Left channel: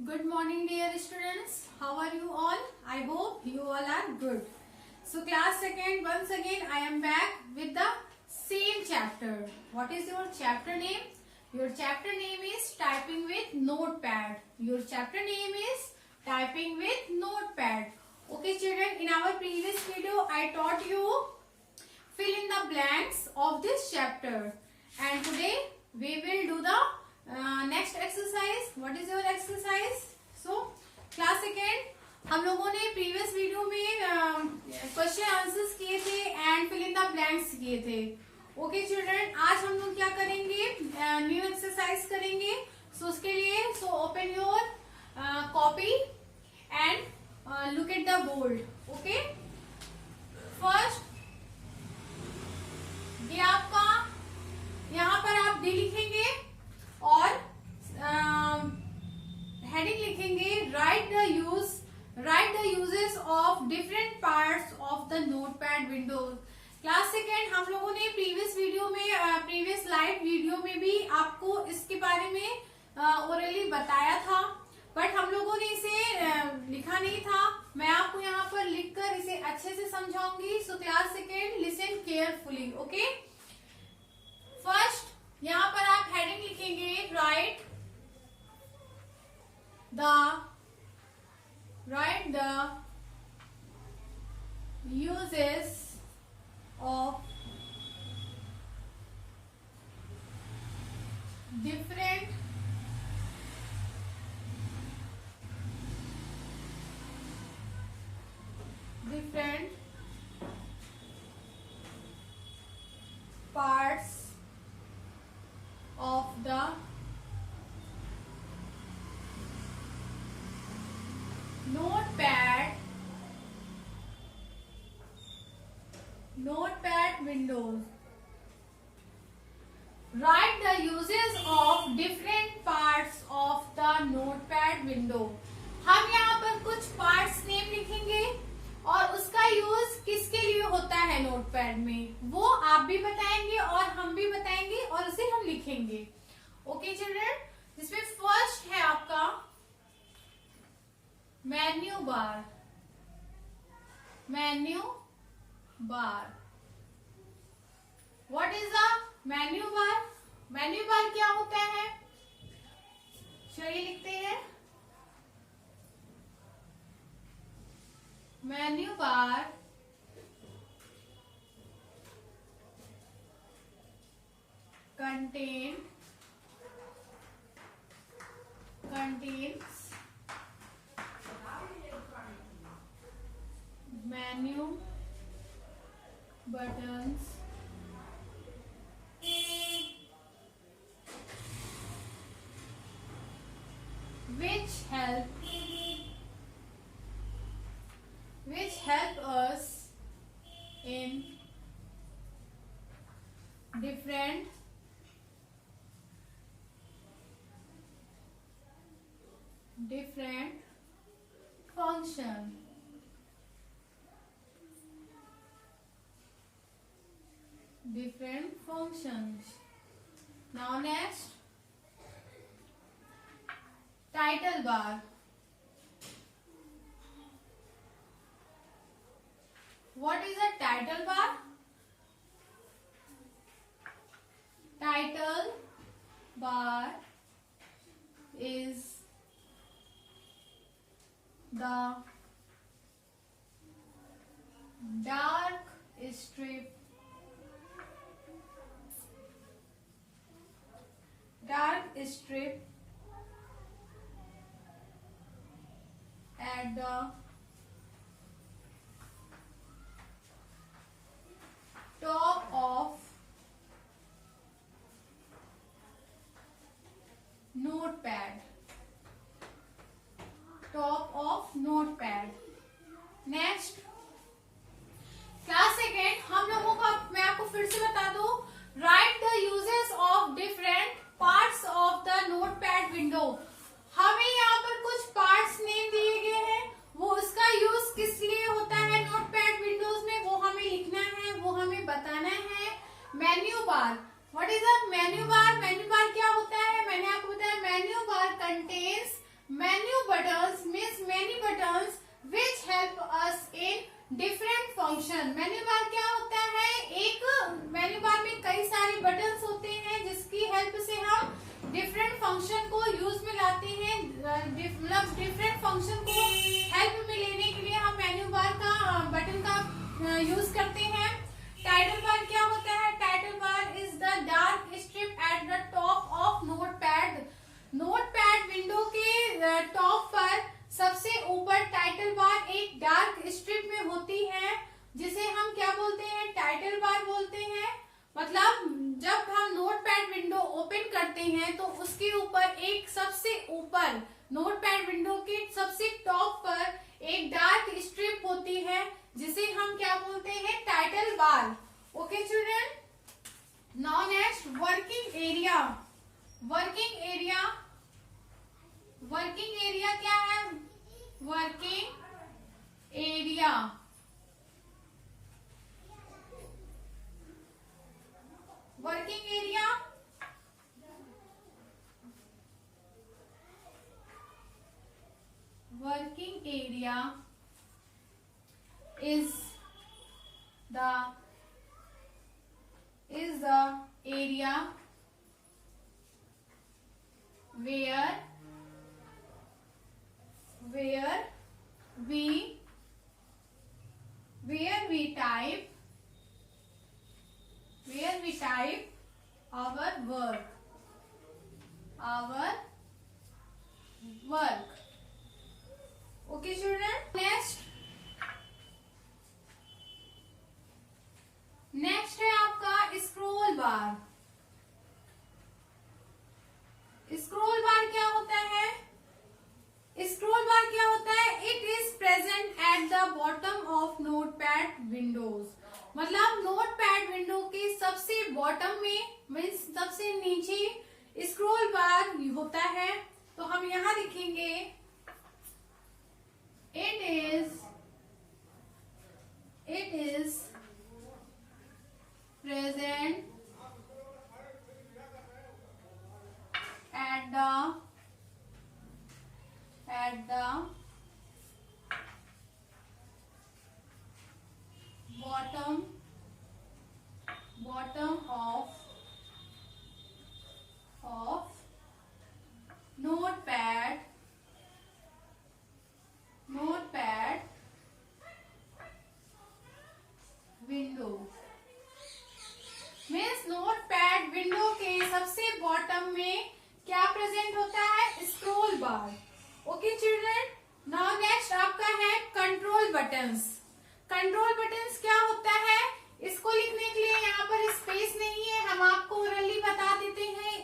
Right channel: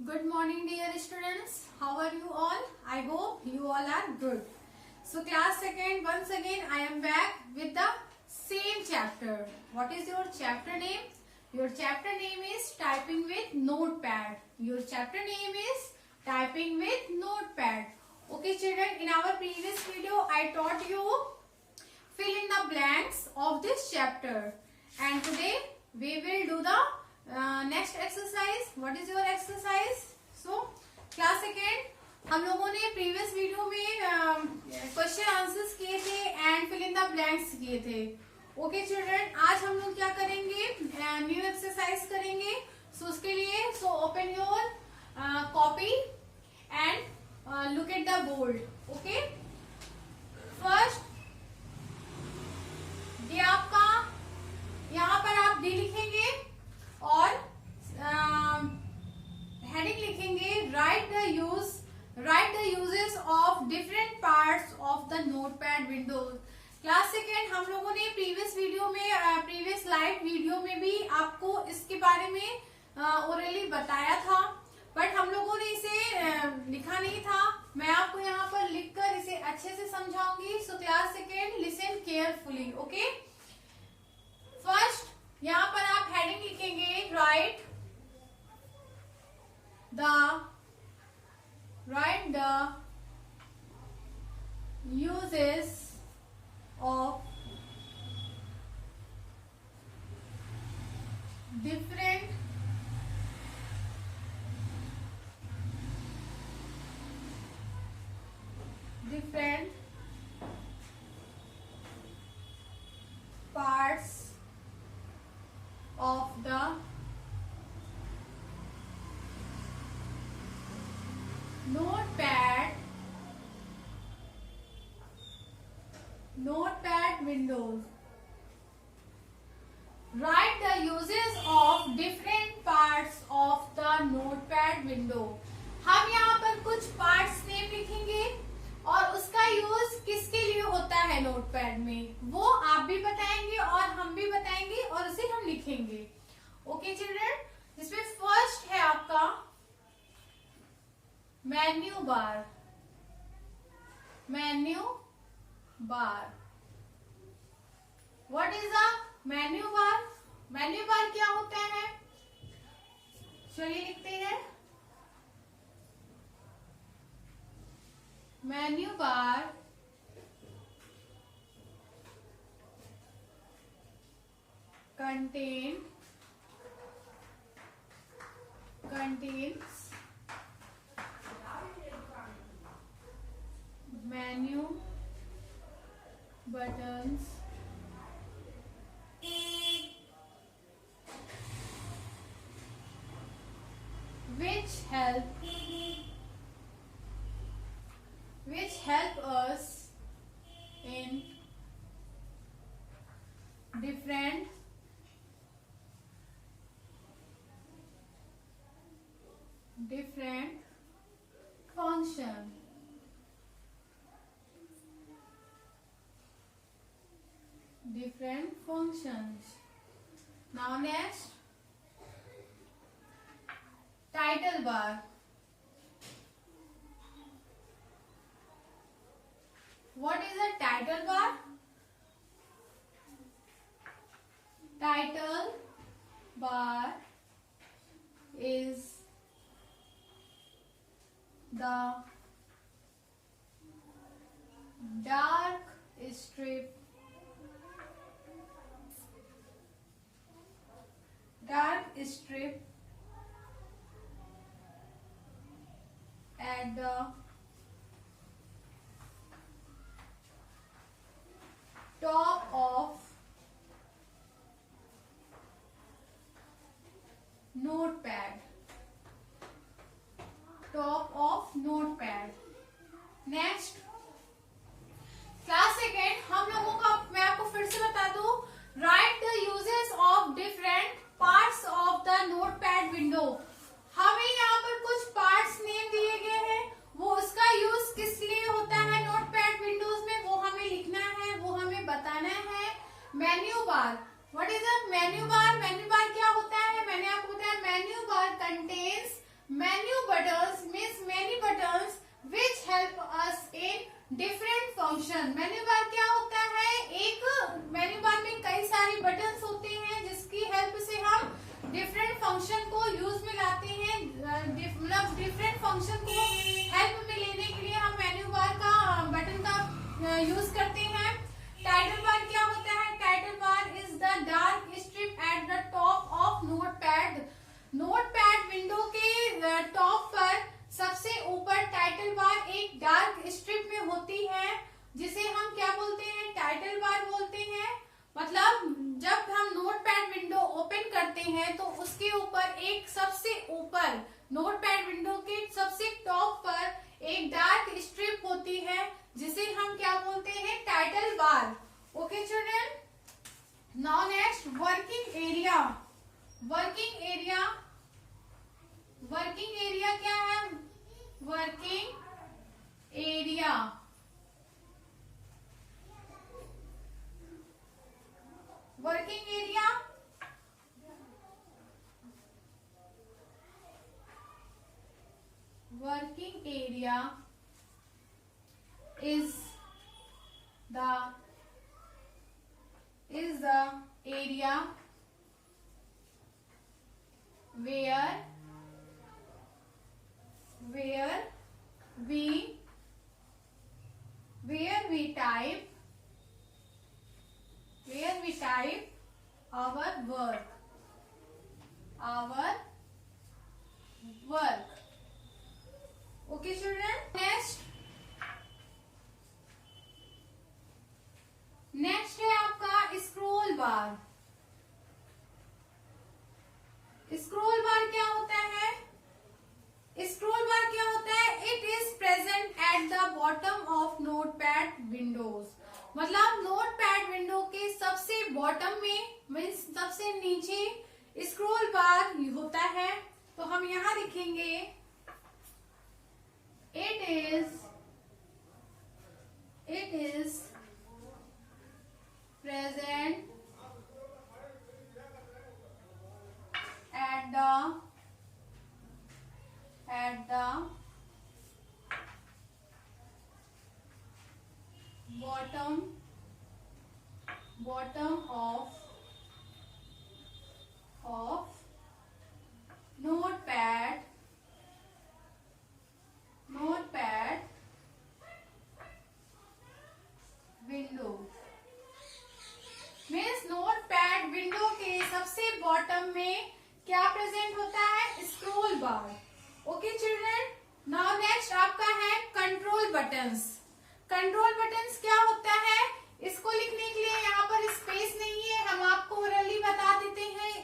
Good morning, dear students. How are you all? I hope you all are good. So, class second, once again, I am back with the same chapter. What is your chapter name? Your chapter name is Typing with Notepad. Your chapter name is Typing with Notepad. Okay, children, in our previous video, I taught you fill in the blanks of this chapter. And today, we will do the next exercise. What is your exercise? So class second हम लोगों ने previous video में question answers किए थे and fill in the blanks किए थे. Okay children, आज हम लोग क्या करेंगे? न्यू एक्सरसाइज करेंगे. सो उसके लिए open your copy and look at the board. Okay, first ये आपका, यहाँ पर आप डी लिखेंगे और हेडिंग लिखेंगे write the uses of different parts of the notepad window. Class second हम लोगों ने प्रीवियस वीडियो में प्रीवियस लाइव वीडियो में भी आपको इसके बारे में ओरली बताया था, बट हम लोगों ने इसे लिखा नहीं था. मैं आपको यहाँ पर लिखकर इसे अच्छे से समझाऊंगी. So class second listen carefully. Okay, first यहाँ पर आप हेडिंग लिखेंगे write the uses of different parts of the notepad windows. Write the uses of different parts of the notepad window. हम यहाँ पर कुछ पार्ट्स नेम लिखेंगे और उसका यूज किसके लिए होता है नोटपैड में, वो आप भी बताएंगे और हम भी बताएंगे और उसे हम लिखेंगे. ओके चिल्ड्रन, जिसमें फर्स्ट है आपका menu bar. What is the menu bar? Menu bar क्या होता है? चलिए लिखते हैं. Menu bar contains menu buttons which help us in different functions. Now next, title bar. What is a title bar? Title bar is the dark strip at the top of notepad. Next, class second हम लोगों का, मैं आपको फिर से बता दूं, right the uses of different parts of the notepad window. हमें यहाँ पर कुछ पार्ट्स नेम दिए गए हैं, वो उसका यूज किस लिए होता है नोटपैड विंडोज में, वो हमें लिखना है, वो हमें बताना है. Menu bar, what is a menu bar? Menu bar क्या होता है? मैंने आपको बताया menu bar contains menu buttons means many buttons which help us in different function. Menu bar क्या होता है? एक मेन्यू बार में कई सारी बटन्स होते हैं जिसकी हेल्प से हम डिफरेंट फंक्शन को यूज में लाते हैं। मतलब डिफरेंट फंक्शन को हेल्प में लेने के लिए हम मेन्यू बार का बटन का यूज करते हैं। टाइटल बार क्या होता है? Title bar is the dark strip at the top of notepad. Notepad window के टॉप पर सबसे ऊपर टाइटल बार एक डार्क स्ट्रिप में होती है, जिसे हम क्या बोलते हैं? टाइटल बार बोलते हैं। मतलब जब हम नोटपैड विंडो ओपन करते हैं तो उसके ऊपर एक सबसे ऊपर नोटपैड विंडो के सबसे टॉप पर एक डार्क स्ट्रिप होती है, जिसे हम क्या बोलते हैं? Title bar. Okay children, now next working area. Working area, working area क्या है? Working area, working area working area is the area where we type our work. Okay children, next है आपका स्क्रोल बार। स्क्रोल बार क्या होता है? Scroll bar क्या होता है? It is present at the bottom of notepad Windows. मतलब notepad window के सबसे बॉटम में मीन्स सबसे नीचे स्क्रोल बार होता है। तो हम यहाँ लिखेंगे it is present at the bottom of notepad window. Means notepad window के सबसे बॉटम में क्या प्रेजेंट होता है? Scroll bar. Okay children, now next आपका है कंट्रोल बटन्स। कंट्रोल बटन्स क्या होता है? इसको लिखने के लिए यहाँ पर स्पेस नहीं है, हम आपको ओरली बता देते हैं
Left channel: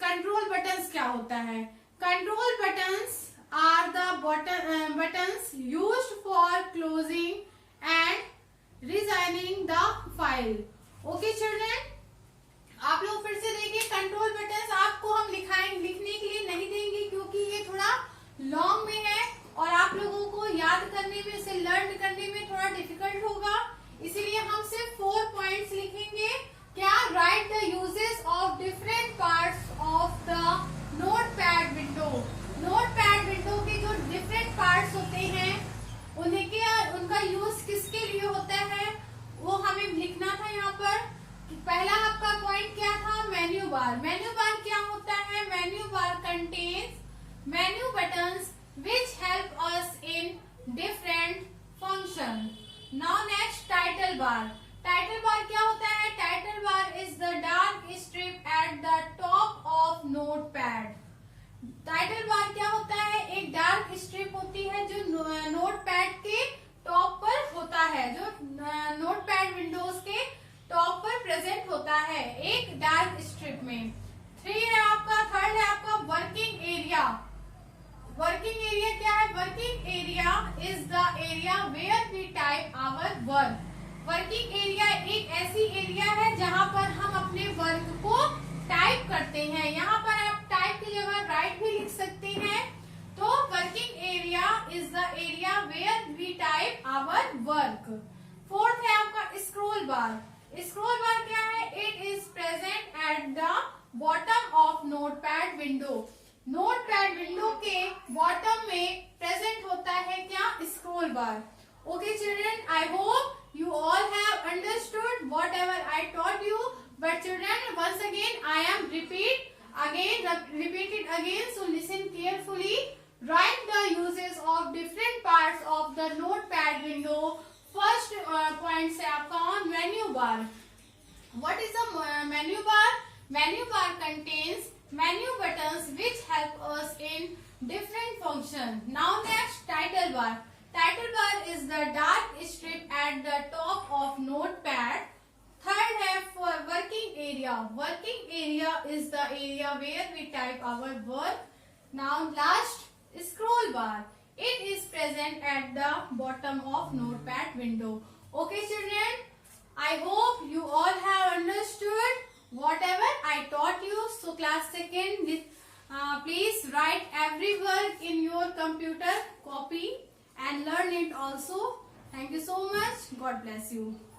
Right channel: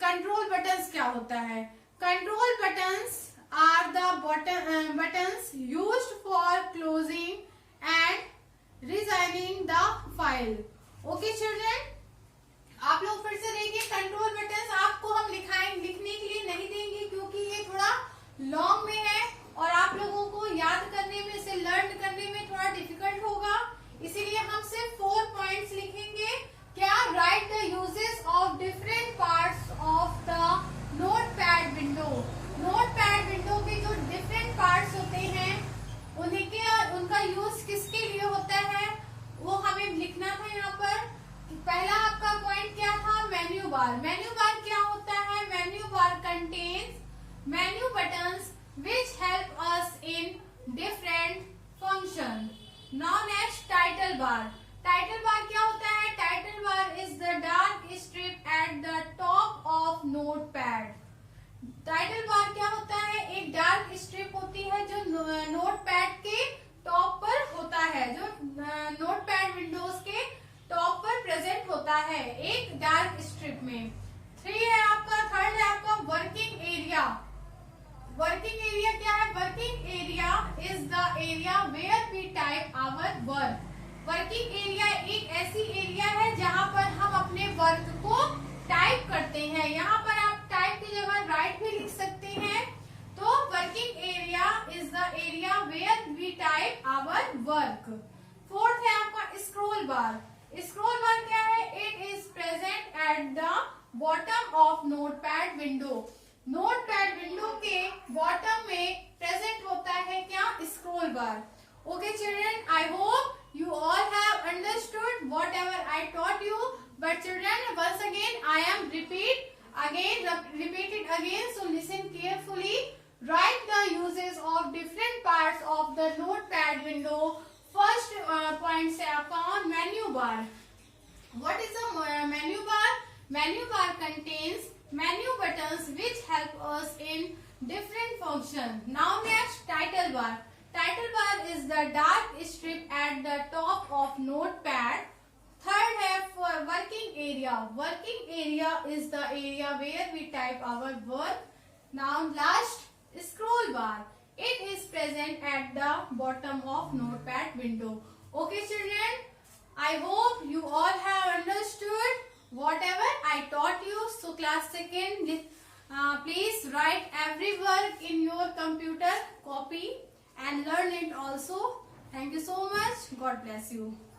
कंट्रोल बटन्स क्या होता है। Control buttons are the buttons used for closing and resizing the file. Okay children, आप लोग फिर से देखिए। कंट्रोल बटन्स आपको हम लिखने के लिए नहीं देंगे क्योंकि ये थोड़ा लॉन्ग में है और आप लोगों को याद करने में, इसे लर्न करने में थोड़ा डिफिकल्ट होगा, इसीलिए हम सिर्फ 4 पॉइंट्स लिखेंगे। क्या? Right the uses of different parts of the notepad window. Notepad window के जो डिफरेंट पार्ट्स होते हैं उनका यूज किसके लिए होता है वो हमें लिखना था यहाँ पर। पहला आपका पॉइंट क्या था? Menu bar. मेन्यू बार क्या होता है? Menu bar contains menu buttons which help us in different function. Now next title bar. Title bar क्या होता है? Title bar is the dark strip at the top of notepad. Title bar क्या होता है? एक डार्क स्ट्रिप होती है जो नोटपैड के टॉप पर होता है, जो नोटपैड विंडोज के टॉप पर प्रेजेंट होता है एक डार्क स्ट्रिप में। 3 है आपका, थर्ड है आपका वर्किंग एरिया। वर्किंग एरिया क्या है? Working area is the area where we type our work. Working area एक ऐसी एरिया है जहाँ पर हम अपने वर्क को टाइप करते हैं। यहाँ पर आप टाइप की जगह राइट भी लिख सकते हैं। तो working area is the area where we type our work. Fourth है आपका स्क्रोल बार। स्क्रोल बार क्या है? It is present at the bottom of Notepad window. Notepad window के bar. Okay children, I hope you all have understood whatever I taught you. But children, once again I am repeat it again. So listen carefully. Write the uses of different parts of the notepad window. First point se aapka on menu bar. What is a menu bar? Menu bar contains menu buttons which help us in different functions. Now next, title bar. Title bar is the dark strip at the top of notepad. Third have for working area. Working area is the area where we type our work. Now last, scroll bar. It is present at the bottom of notepad window. Okay children, I hope you all have understood whatever I taught you. So class second, please write every work in your computer copy and learn it also. Thank you so much. God bless you.